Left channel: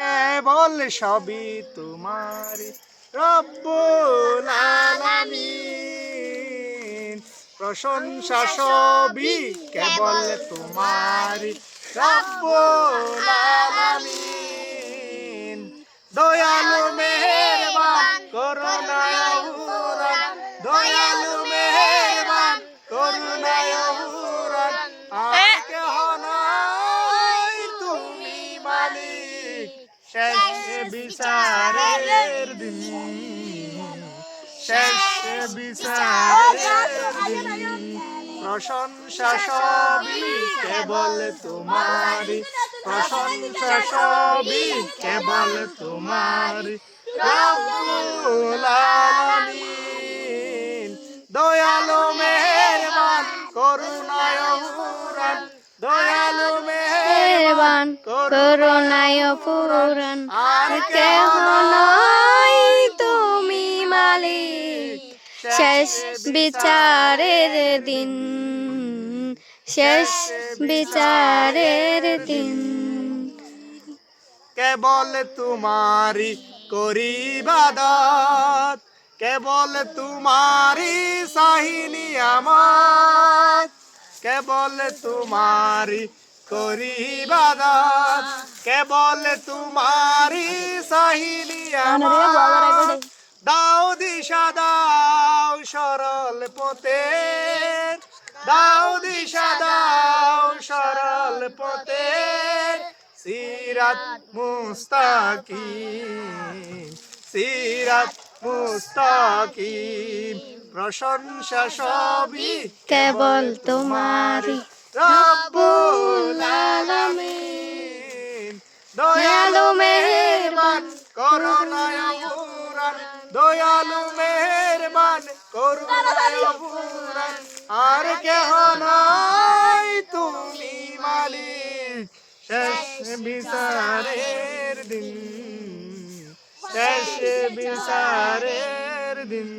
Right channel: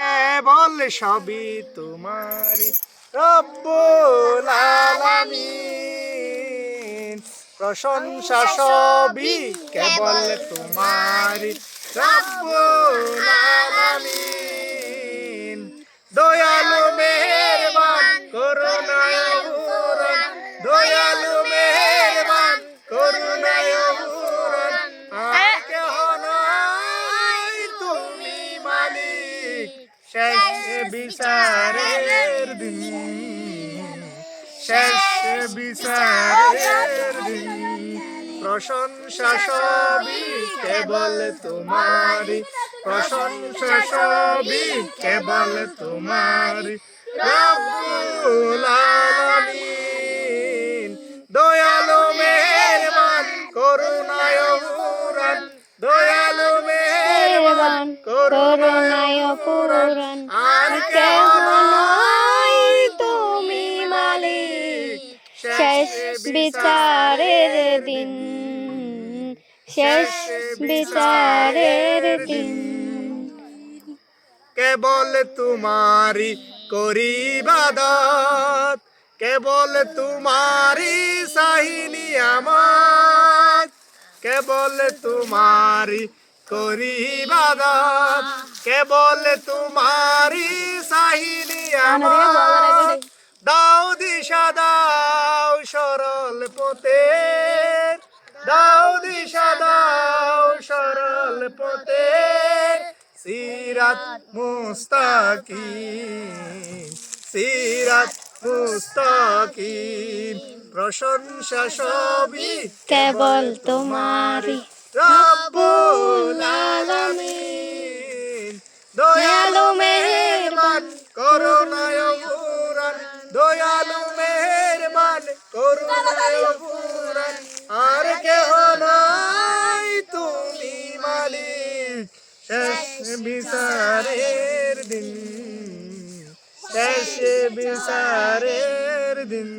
কেবল সবই তোমারি রব্বুল আলামিন। প্রশংসা সবই কেবল তোমারি রব্বুল আলামিন। দয়ালু মেহেরবান করুণায় উড়ান, দয়ালু মেহেরবান করুণায় উড়ান। আর কেহ নাই তুমি মালিক শেষ বিচারের দিন, শেষ বিচারের দিন। প্রশংসা সবই কেবল তোমারি, প্রশংসা সবই কেবল তোমারি রব্বুল আলামিন। দয়ালু মেহেরবান করুণায় উড়ান, দয়ালু মেহেরবান করুণায় পূরণ। আর কেহ নাই তুমি মালিক শেষ বিচারের দিন, শেষ বিচারের দিন। কেবল তোমারি করি ইবাদত, কেবল তোমারি চাহিনি আমার, কেবল তোমারি করি ইবাদত, কেবল তোমারি চাহিনি আমার। দাও দিশা দাও সরল পথে, দাও দিশা দাও সরল পথে। সিরাত মুস্তাকিম, সিরাত মুস্তাকিম। প্রশংসা সবই কেবল তোমারি রব্বুল আলামিন। দয়ালু মেহেরবান করুণায় পূরণ, দয়ালু মেহেরবান করুণায় পূরণ। আর কেহ নাই তুমি মালিক শেষ বিচারের দিন, শেষ বিচারের দিন।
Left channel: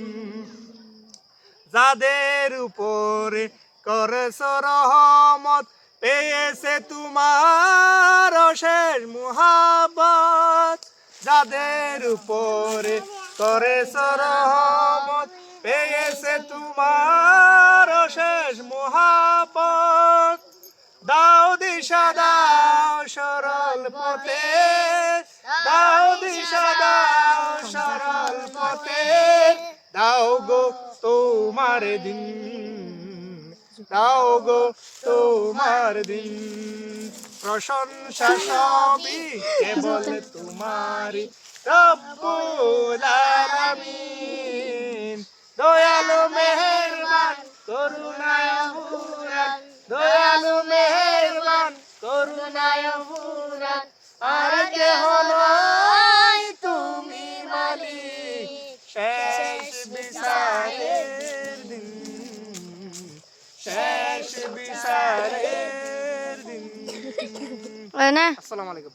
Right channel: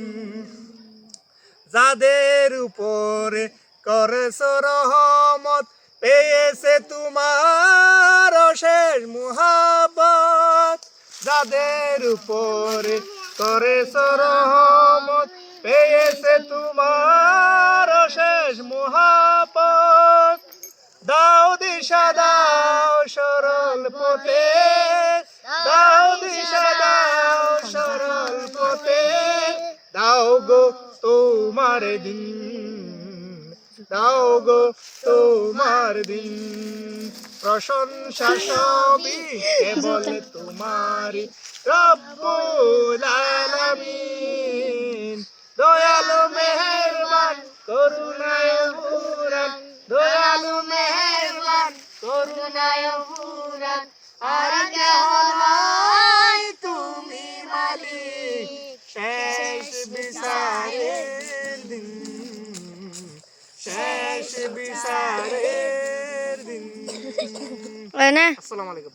যাদের উপরে করেছ রহমত পেয়েছে তোমার অশেষ মুহাব্বত, যাদের উপরে করেছ রহমত পেয়েছে তোমার অশেষ মুহাব্বত। দাও দিশা দাও সরল পথে, দাও দিশা দাও সরল পথে। দাও গো তোমার দিন, দাও গো তোমার দিন। প্রশংসা সবই কেবল তোমারি রব্বুল আলামিন। দয়ালু মেহেরবান করুণায় উড়ান, দয়ালু মেহেরবান করুণায় উড়ান। আর কেহ নাই তুমি মালিক শেষ বিচারের দিন, শেষ বিচারের দিন। না আসসালামু আলাইকুম।